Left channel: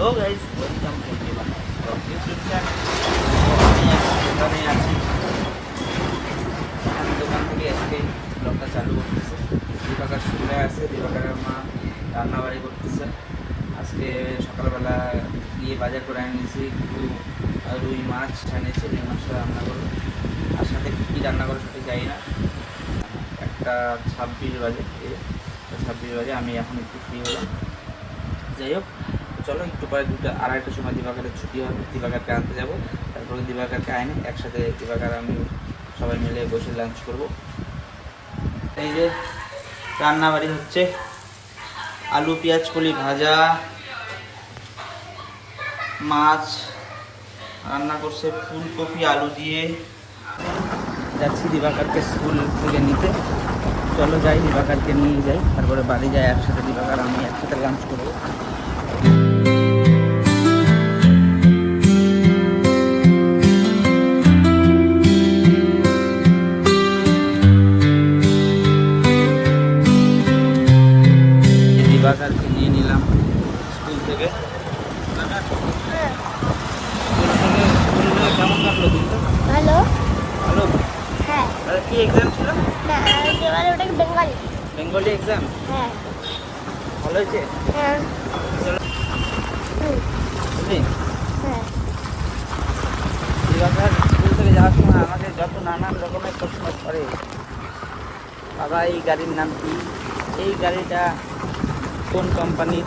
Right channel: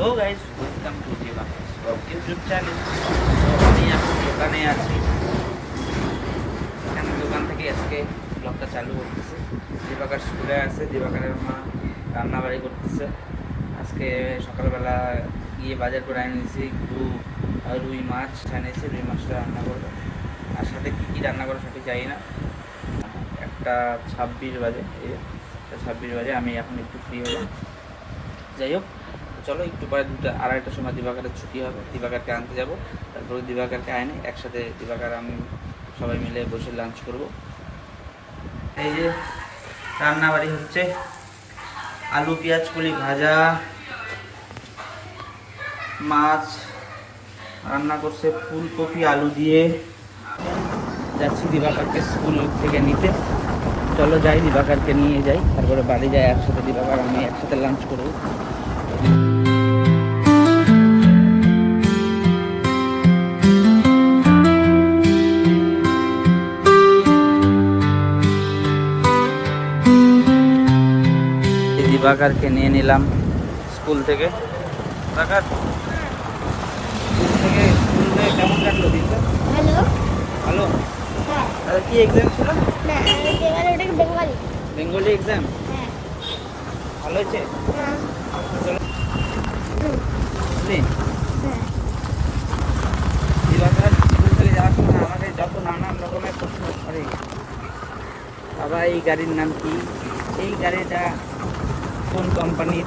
তো guys, welcome to Debansh YouTube channel. আমি এখন দোকানে আছি। আমি দোকান থেকে আজকে ব্লগটা চালু করতেছি। দিবাকর স্কুলে আছে, দিবাকরের মা রান্নাবাড়ি করতেছে। আজকে সকালবেলা গিয়ে বাজার করে এনেছি রুই মাছ এনেছে, রুই মাছটা রান্না করবো। আর সাথে কী কী রান্না করে সঠিক জানি না। 1:26 বাজে, 26 বাজে। আমি এখন একটু ফ্রি হলাম। যাই হোক, চলো একটু পরে 2:30টার সময় দিবাকরের ছুটি হবে, দিবাকরকে আনতে যাব। তারপরে দিবাকরকে আইনে একসাথে দিবাকর আমি সবাই মিলে বসে লাঞ্চ করব। এই যে রান্নাবাড়ি হচ্ছে, আলু পেঁয়াজ কলি ভাজা, মাছ রান্না করছে ফুলকপি আলু দিয়ে। যাচ্ছি দিবাকরকে স্কুল থেকে নিতে। চলো যাই, দিবাকরকে নিয়ে যাই, তারপরে বাড়ি যাই একসাথে। দিবাকর আমি একসাথে লাঞ্চ করবো। দিবাকরকে নিয়ে নিলাম স্কুল থেকে। দিবাকর, স্কুলে কেমন কাটলো দিনটা? ভালো। ভালো? হ্যাঁ। তাহলে কি এক্সাম ছিল? না, এবারে ওটাকে বেঙ্গলি। Bengali exam? হ্যাঁ। ভালো হয়েছে? চলো বুঝলি, দিবাকর স্কুল থেকে যাওয়ার সময় আমাদের যত নানান রকমের প্রশ্ন করে। বাবা, এই গাড়ির নাম কি? এই গাড়িটা কোন কোম্পানির?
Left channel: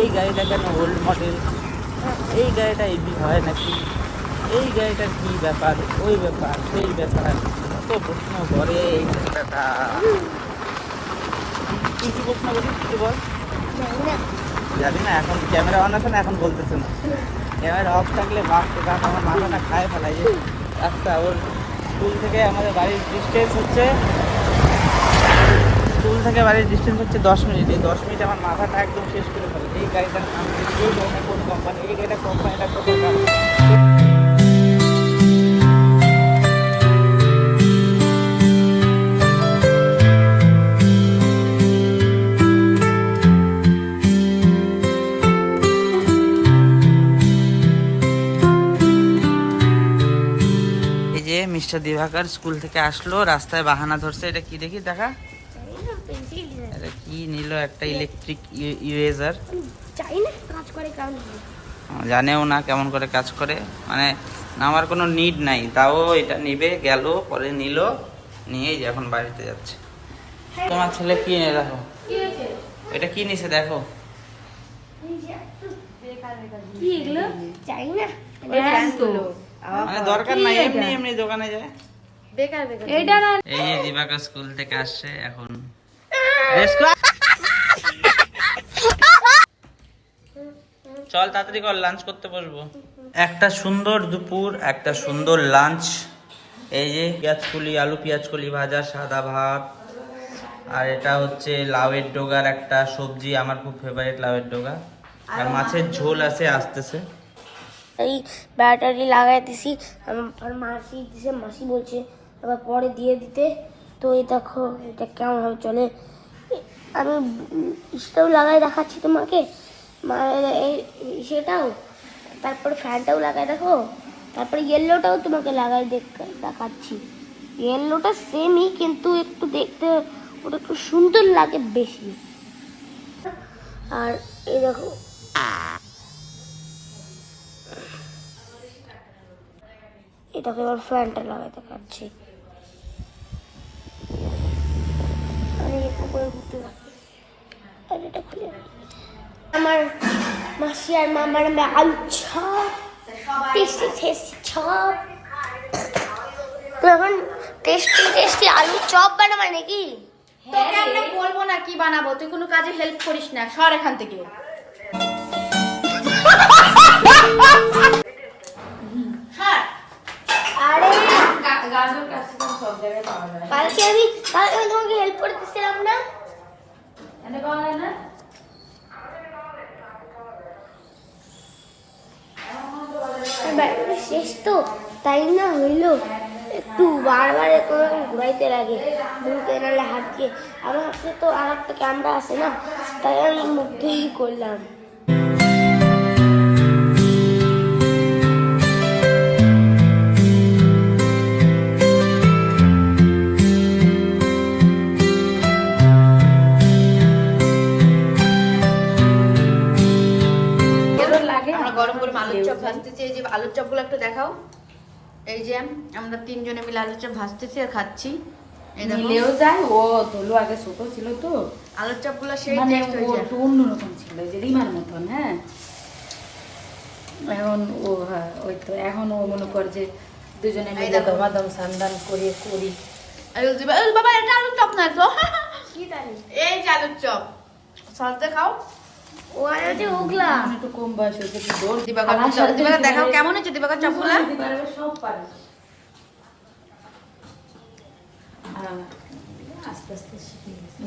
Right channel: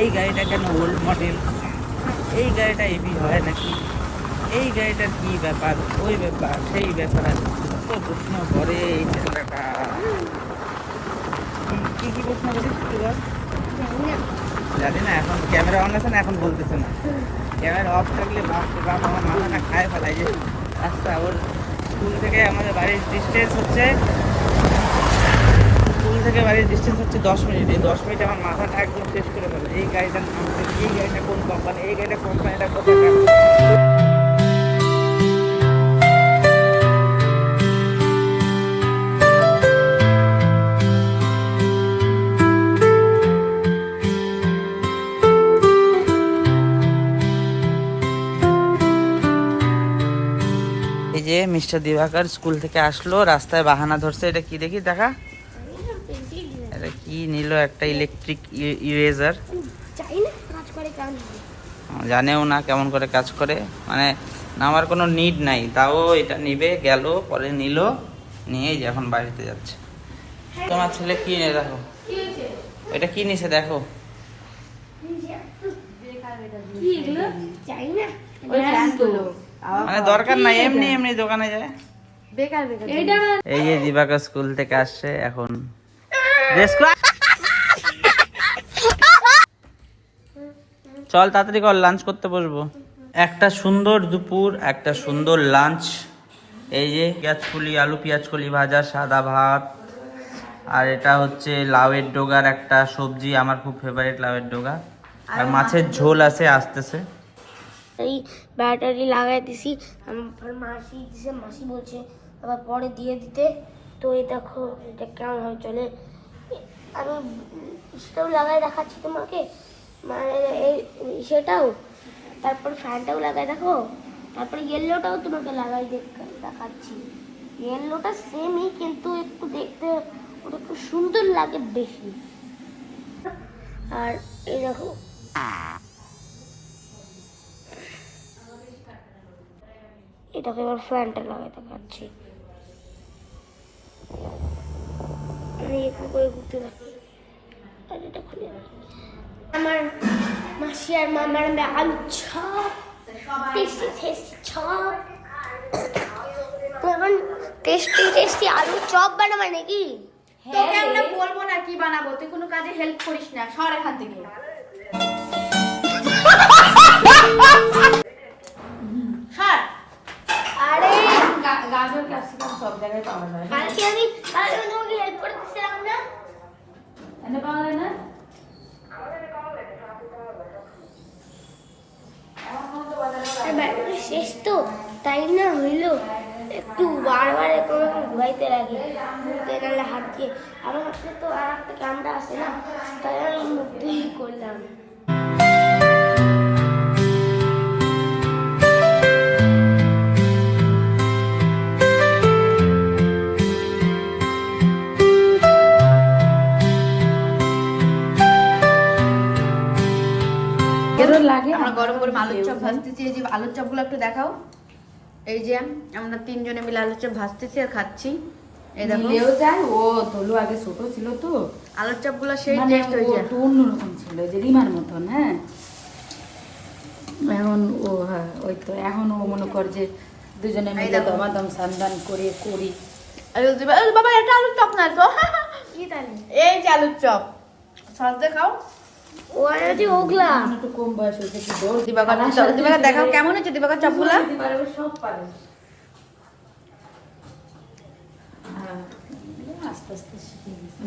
এই গাড়িটা কেন ওল্ড মডেল? এই গাড়িটা ইভি হয় নাকি? এই গাড়িটার কি ব্যাপার, ওই ব্যাপার, সেই ব্যাপার, তো প্রশ্ন করে এই ক্ষেত্রটা। তুই কি প্রশ্ন করিস একটু বল। জানি না, এখন ক্যামেরা অন আছে না, এখন বলতেছে না। ক্যামেরা অফ থাকলে বাপ আমার মাথাটা খায় ফেলাই। যে রাস্তা ওর স্কুল থেকে আমাদের বাড়ির ডিস্টেন্স হচ্ছে, 10 মিনিট। এই 10 মিনিট আমার মাথাটা একদম শেষ করে ফেলে। এই গাড়িটার নাম কি? এই গাড়িটা কোন কোম্পানি? এই গাড়িটা কোম্পানিটা কোথায়? এই যে মিস্টার দিবাকর স্কুল থেকে আসলো, রাস্তায় বাহানা ধরছে। এটা কি দেখি, দেখা। এটা কি নিল? একটা ইলেকট্রিক ইরেজার। জানেও না কেমন করে কাজ করে, মানে নামার কোনো নিড নাই, তাও এটা নিবে। গেল পরে নিল, নিয়েই এখন বাড়িতে যাচ্ছে। তোমার ছেলে কি নিয়ে, দেখো এটা কি নিছে, দেখো। মানে দরকার নাই, এমনি এমনি দোকানে যায়। এই যে দিবাকর স্কুল থেকে আসছে এখন। চল তাড়াতাড়ি কর, লাঞ্চ করতে বসবো। একটা সুন্দর দুপুর, একটা সুন্দর লাঞ্চ। এই যে আলু পেঁয়াজ কলি ভাজা, সাদা ভাত, আর এটা হচ্ছে লাউয়ের ডোগার একটা সবজি, আমার খুব ফেভারিট লাউয়ের ডোগা। আর মাছের ঝোল আছে, আসতেছে। এই ব্যাটারি লাগাই দিছি, আমার মাসি দিছে, মাসি বলছে আবার পরে দিয়ে দিতে। তো এই দেখো এটা কেমন ভাবে চলে। আমি ইসটাও লাগাই দেখাচ্ছি তোমাকে, এই সেটাও, তারপর ফ্যানটাও লাগাই দেখো, তারপরে ইয়েলোটাও তোমাকে লাগাই দেখাচ্ছি। ইয়েলোটা সেমই, কিন্তু একটু দেখতে ওটা একটু সুন্দর লাগে বেশি। আর এই দেখো, এটাকে এবার ফ্যানটা লাগাই দেখাচ্ছি। আমি একটু করে ঘুরতে থাকি। আর এটা খুলে আমার মাসি আর মামার আলু চপ, টেস্টি টেস্টি চপ। তো এখন টেস্টি টেস্টি আলু চপ বানাবে নাকি? তোকে আমরা বলবো না কি বানাবো, তুই কোনো কাজে হেল্প করিস না, সর এখান থেকে। আরে গাজর ক্যাপসিকাম সব জায়গায় পাওয়া যায়। কালকে আমি তোমাকে হেল্প করে দিচ্ছিলাম না? এনে পাওয়া যায় না? ব্যাটারি শেষ তো, তাই না হইলো একটু বারবার ঘুরাইতে লাগে মুখে, নাহলে হাত দিয়ে। আমার হাতে তো আর একটা ক্যামেরা আছে না, তাই আমি মুখ দিয়েই করলাম। গরম গরম আলুর চপ ভাজতেছি। এই যে আলুর চপগুলো একটু দেখাও। এই যে আমরা তিনজনে মিলে আলুর চপ ভাজতেছি আর খাচ্ছি। এই দেখো মিলেও যায়। ও তোলো আগে ছোট ছিল তো, আলুর চপগুলো সেই মানে টেস্ট ও হয়েছে। একটু অন্যরকম ছিল, যে রিমার মতন। হ্যাঁ এখন ও, হ্যাঁ ওই তো, এখন ও মনে কর যে দুজনে এই মিলে দেখো। দমাদম সান্দান করে করি। এই বাবা এটা আলুর চপ না তো, এই যে আলুর চপ সস দিয়ে খাও। ও আর হচ্ছে ওগুলা এখন একটু কম বয়স হয়েছে, একটু দৌড় দিবাকর চপ, দিবাকর দেখাও কেমন হচ্ছে দিবাকর চপগুলা। দিতে পারবে, সব পারে। হ্যাঁ, আস্তে আস্তে শিখে গেছে।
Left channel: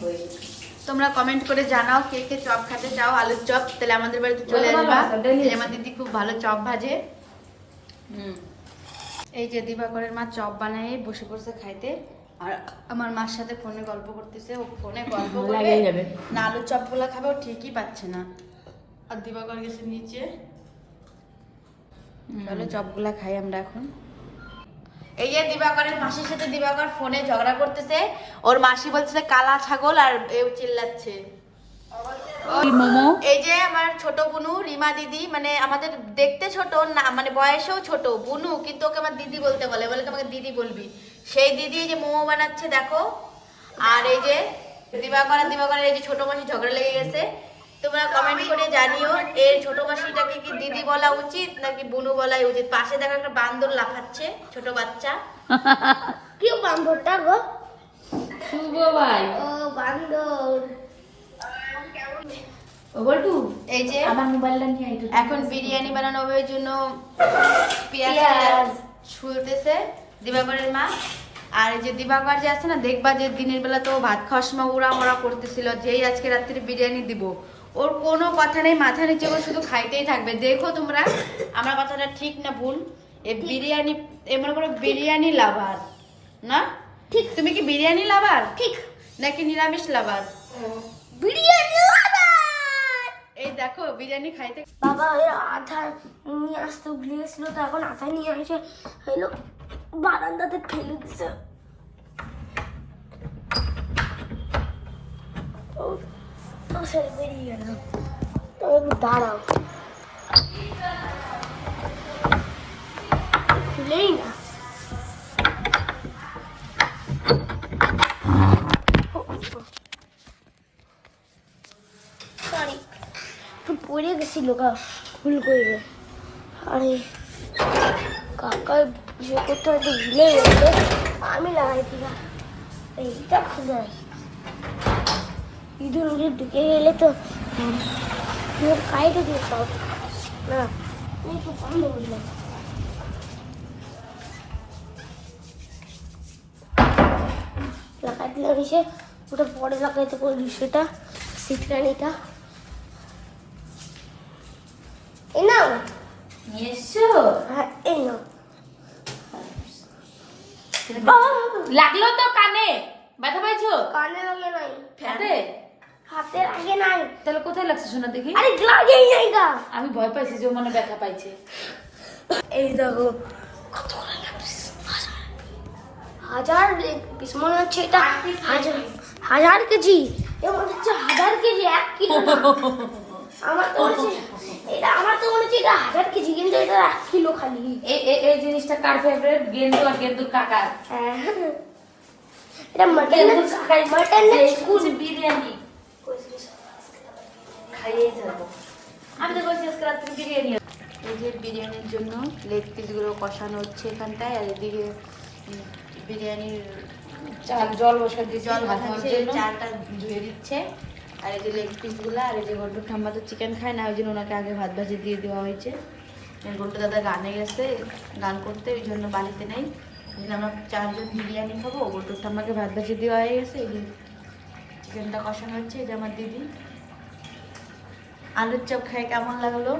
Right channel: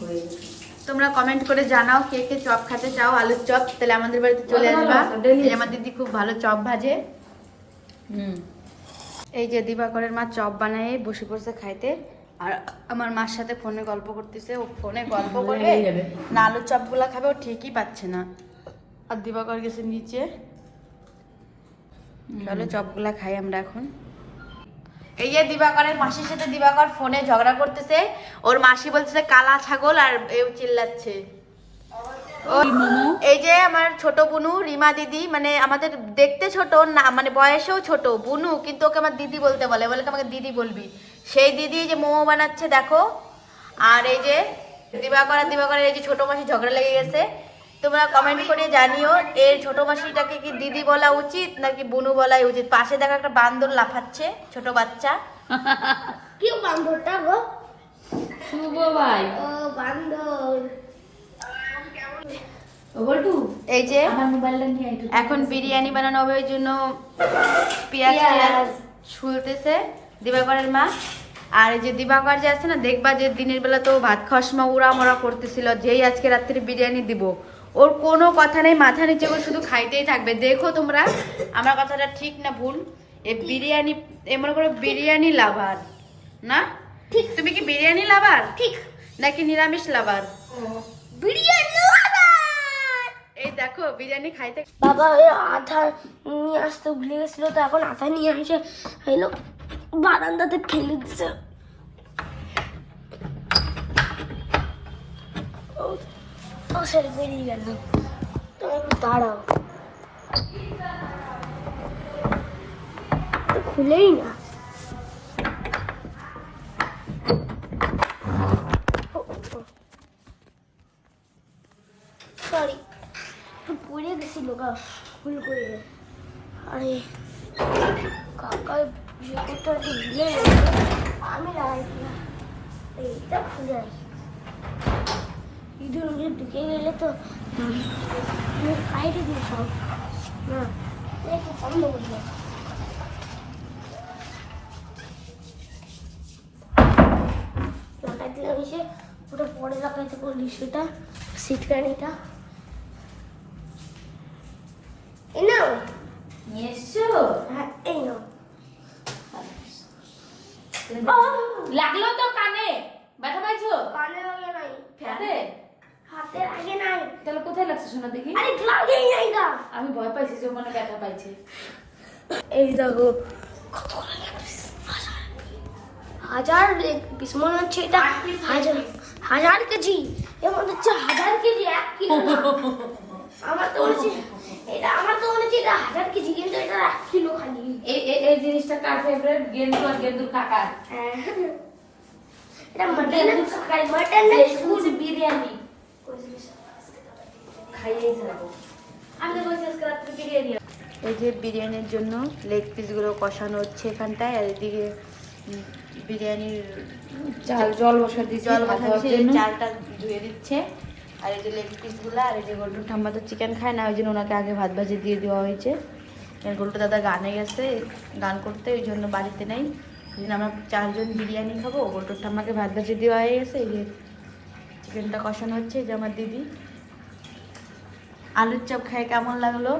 হয়ে গেছে। তোমরা কমেন্ট করে জানাও কে কে চপ খেতে চাও, আলুর চপ, তাহলে আমাদের বাড়িতে চলে ভালো আসবা। আছে, daily এই যে আমার দিদি খুব ভালো চপ ভাজে। হুম। এই যে দিবাকরের মা চপ বানায় বসে পড়ছে খাইতে, আর আমার মার সাথে ফোনে গল্প করতেছে। ও ফোনে গল্প করে লাগিয়ে যাবে। না আলুর চপগুলা খাবে, ও ঠিকই পাচ্ছে না। আর দিবাকর গেছে নিচে। চলো চপগুলা খাই আমরা এখন। এই যে দিবাকরের মাসির সাথে দিবাকর ফোনে ঝগড়া করতেছে। ওর মাসি বলতেছে কালা ছাগল, আর এও চিল্লাচ্ছে। মোমো এই যে আমার ছোট বুনু রিমা দিদি, মানে আমাদের দেখতে ছোট না, মানে বয়সেও ছোট বুনু, কিন্তু ওকে আমার দিদি বলতে বলে, বলে আমাকে দিদি বলবি। সেই দিদি এই যে মোমো বানাচ্ছে দেখো। আর এই যে দিবাকরের এই যে ছোট মাসি ঝগড়া লেগে গেছে। তোমরা কমেন্ট করে জানিও এর ছোট মাসিটাকে কি দিদি বলা উচিত নাকি বুনু বলাই উচিত। পাশে দেখো একটা বান্দর লাফাচ্ছে, ছোট বাচ্চা। কি বান্দরটা গো? শুভ ভাই। ও বান্দর। ও বলটু, এই যে আমার মোবাইলটা নিয়ে একটু এখন বিরিয়ানি বানানো হবে, ওই জন্য পেঁয়াজ পেঁয়াজ ছুলতেছে দিবাকরের মা। আর এই যে দিবাকর যে আছে না, দেখবা যে দিনের বেলা তো ভাত খাওয়ার সময় উড়া মোড়া করতেছিল, যেই আজকে রাত্রে বিরিয়ানি দিব, ওর কোনো কথা নেই, মাথা নিচে করে শুধু খাইতেই থাকবে। দেখো তোমরা আমার কথাটা ঠিক না ভুল? এই বিরিয়ানি এমন করে বিরিয়ানি লাভার না? ঠিক, তুমি কি বিরিয়ানি লাভার ঠিক নাকি নিরামিষ লাভার? বিরিয়ানি আবার। এই দেখো বিরিয়ানি খাইতে বাবা ওই আধা নিয়ে আসতে ভুলে গেছিল, তো এখন আধা নিয়ে এসে হইলো বারান্দাতে ফেলে দিচ্ছে। ও সেরে বেরিয়ে গেল। তো একটু দাঁড়াও, ও খুলেই না। সরি, পড়ে গেছিল গা, ভুল করে। আরে কাকা জুতোটা একটু ভুলে গেছে, আমি লাগাইছি না, এইটা খুলে আসি। ইঁদুর উড়ে ঢুকে গেলে তো সাইডে দিয়ে সব না, একটু বন্ধ করলাম। লাগাইতে লাগিয়েছে, ওটা পরে লাগাইতে পারলি, সেটা সিটকানিটা এই নাও। নিয়ে এসছো? হ্যাঁ এই নাও। লাগলো তো কানে, ব্যথা পাইছো? কানে লাগে নাই, হাতে? হাতের আগে নাই। তাহলে কোথায় লাগছে শোনা দেখি? আরে লাগেই নাই গা। আমি ভয় পাইছি যে ও মনে ব্যথা পাইছে। এই দেখো কতগুলো লাগছে, হাজার পিস মনে হচ্ছে। এটা হাজার কেজি, এমন হচ্ছে 1000 কেজি, 1 কিলো না। আমার তো মনে হচ্ছে এটা, আমার তো মনে হচ্ছে এটা 1000 কেজি, কিন্তু এটা 1 কিলো খালি। এই জিনিসটা কার ফেভারিট? গেন্দু আর গেন্দুর কাকা। এটা মটন গেন্দু খাই, মটন না শুধু বিরিয়ানি খাইয়েই যাবো। আমি তো বলছি আজকে রাত্রে বিরিয়ানি। এই যে বিরিয়ানির জন্য লেগ পিসগুলো কষানো হচ্ছে এখানটায়, আর এদিকে বিরিয়ানির জল বসা দিয়েছি, জল ভাত বসাচ্ছে, হওয়ার জন্য। চালটা ধুয়ে দিচ্ছে। আর এই যে লেগ পিসগুলো, আর এই যে গোল্ডু ঠাম্মা তো চিকেন খায় না, ওই জন্য ওনাকে আগে ভাত ভাজি দিয়ে দেওয়া হয়েছে। গোল্ডু দাদা গানে গেছে গান করতে, ওই জন্য বাড়িতে নেই। ওই জন্য আমরা 4 জন বিরিয়ানি খাবো। গোল্ডু ঠাম্মাকে ভাত ভাজি দেওয়া হয়ে গেছে। এই যে চিকেনটা কষানো হচ্ছে। এই যে আমার দিদি আলুর চপ খায় কেমন লাগলো,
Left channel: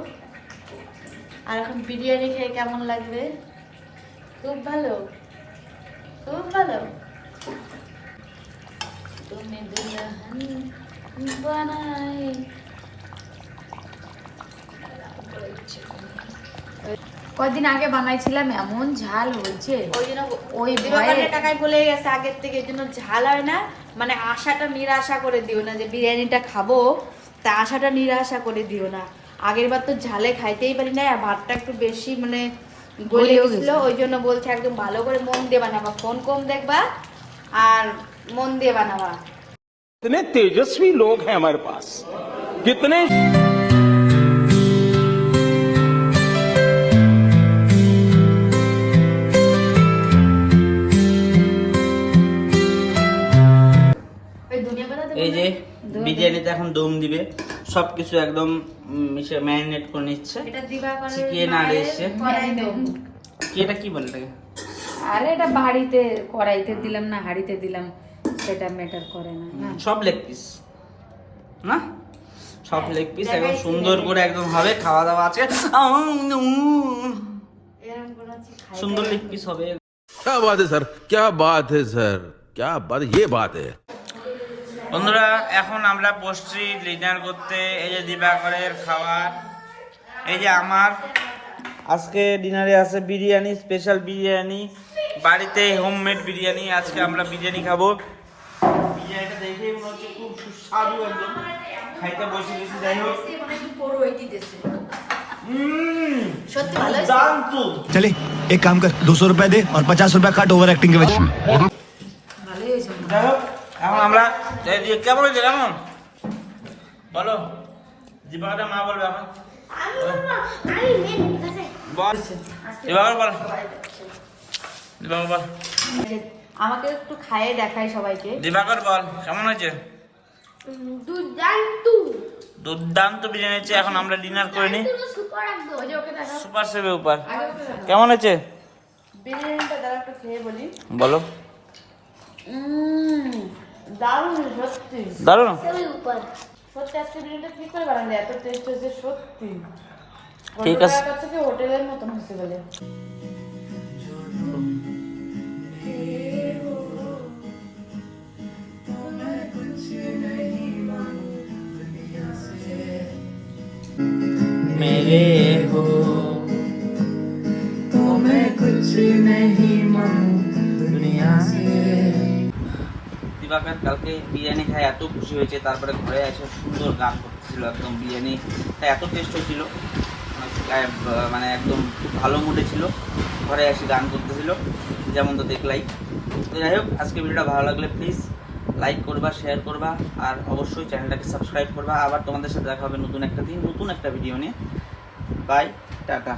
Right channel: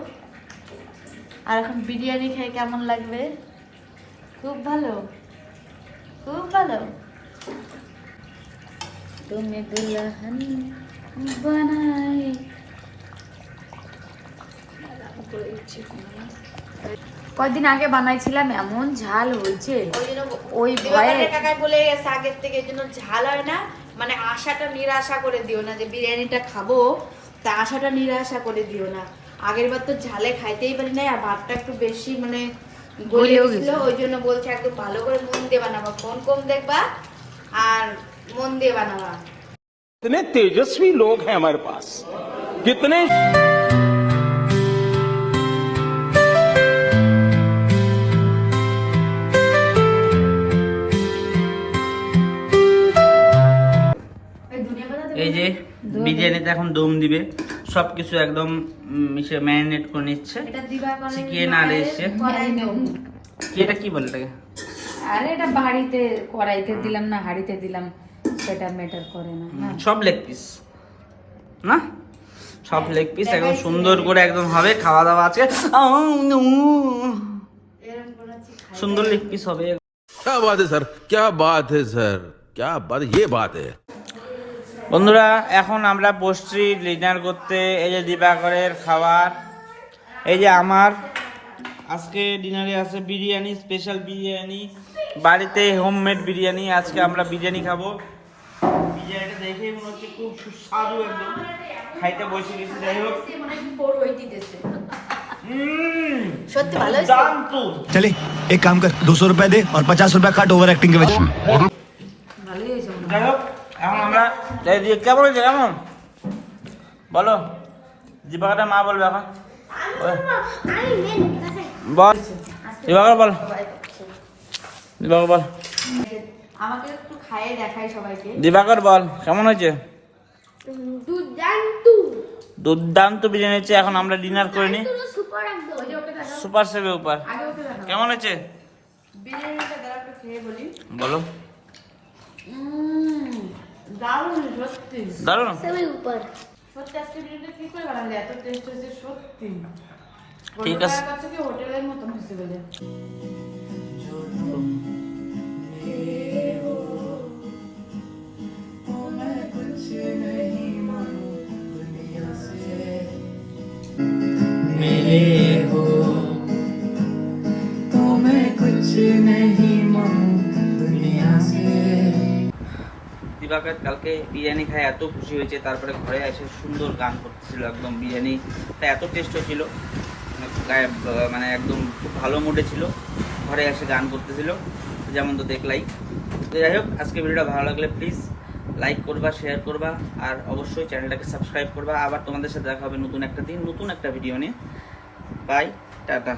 আর এখন বিরিয়ানি খেয়ে কেমন লাগবে? খুব ভালো, খুব ভালো। তুমি দুলহান বানাই। কয়দিন আগে বানাইছিলাম, এমন ঝাল হয়েছে, ওই ভয়ে কাকাই বলে গেছে আগের থেকে, এর জন্য ঝাল হয় না। মানে আশাটা নিরাশা করে দিও না যে বিরিয়ানিটা খাবো, তা আশাটা নিরাশা করে দিও না। আগের বার তো ঝালে খাইতেই পারি না, আর ভাতটা একটু বেশি মানে গলে গেছিল, ওই জন্য বলছে একদম ভালো করে মন দিয়ে বানাবা, ফোন কম দেখবা আর মন দিয়ে বানাবা। कितने तेजस्वी लोग हैं हमारे पास, कितने এই যে বিরিয়ানিতে এখন দম দিবে, সবকিছু একদম মিশে ম্যারিনেট করে নিচ্ছে। এটা দিবা করে চিকেন আর এসে এটা কি বলে এটাকে? আরে এটা বাড়িতে কড়াইতে দিলাম না হাঁড়িতে দিলাম সেটা ম্যাটার করে না। না সব লেগ পিস না, সব লেগ পিস একদম সুন্দর করে একদম হবে, খাওয়া দাওয়া আছে, সুন্দর লেগ পিস হবে। क्या बात है सर, क्या बात है सर, क्या बात, ये बात है। বন্ধুরা এখন আমরা বসছি ডিনার করতে। এই যে দিবাকরের খাবার, এই যে আমার আজকে ডিনারে আছে বিরিয়ানি, স্পেশাল বিরিয়ানি, বাড়িতে হোমমেড বিরিয়ানি। আজকে আমরা বিরিয়ানি খাবো। বিরিয়ানিটা দেখেই মনে হচ্ছে খুব সুস্বাদু, একদম খাইতে বসে গেছি। যাই হোক দান্ত चले एक काम कर 200 रुपए दे और 50 रुपए काट ओवर एक्टिंग के वजह ভালোই হয়েছে মনে হয়। যাই হোক এখন আমরা এই যে কেমন হয়েছে, কেমন বলো? দিবাকরের মা বলবে এখন, বল দিবাকর বল, দিবাকর বল, আমাকে একটু খাইয়ে দেখায় সবাইকে। দিবাকর বল কেমন হয়েছে? দুর্দান্ত দুর্দান্ত বিরিয়ানি হচ্ছে। এখন আমরা ডিনার করে নিই। সুপার একদম। সুপার সেবে উপর কেমন হয়েছে বিরিয়ানিটা দাও একটু খেয়ে বলি। বলো? দারুণ সত্যি, দারুণ। সেবে উপর সত্যি আজকে বিরিয়ানিটা কি করে বানালে এত টেস্ট হয়েছে সত্যি। ঠিক আছে। থেকে হোটেলের মতন হয়েছে বলে। मेरे हो तो मैं कुछ नहीं मांगू दुनिया से। দিবাকর কালকে বিরিয়ানি খায় এত খুশি হয়েছে, তারপরে ঘরে এসে সুন্দর গান করতেছিল, একদম বিরিয়ানি তাই এত টেস্ট হয়েছিল, মানে একদম খুব ভালো মুডে ছিল, ঘরে এসে গান করতেছিল, যেমন তো দেখলাই। তো যাই হোক আজকে ভিডিওটা ভালো লাগলে প্লিজ লাইক করবা, শেয়ার করবা, আর অবশ্যই চ্যানেলটাকে সাবস্ক্রাইব করবা। আবার তোমাদের সাথে দেখা হবে নতুন একটা দিন, নতুন একটা ভিডিও নিয়ে। Bye, tata.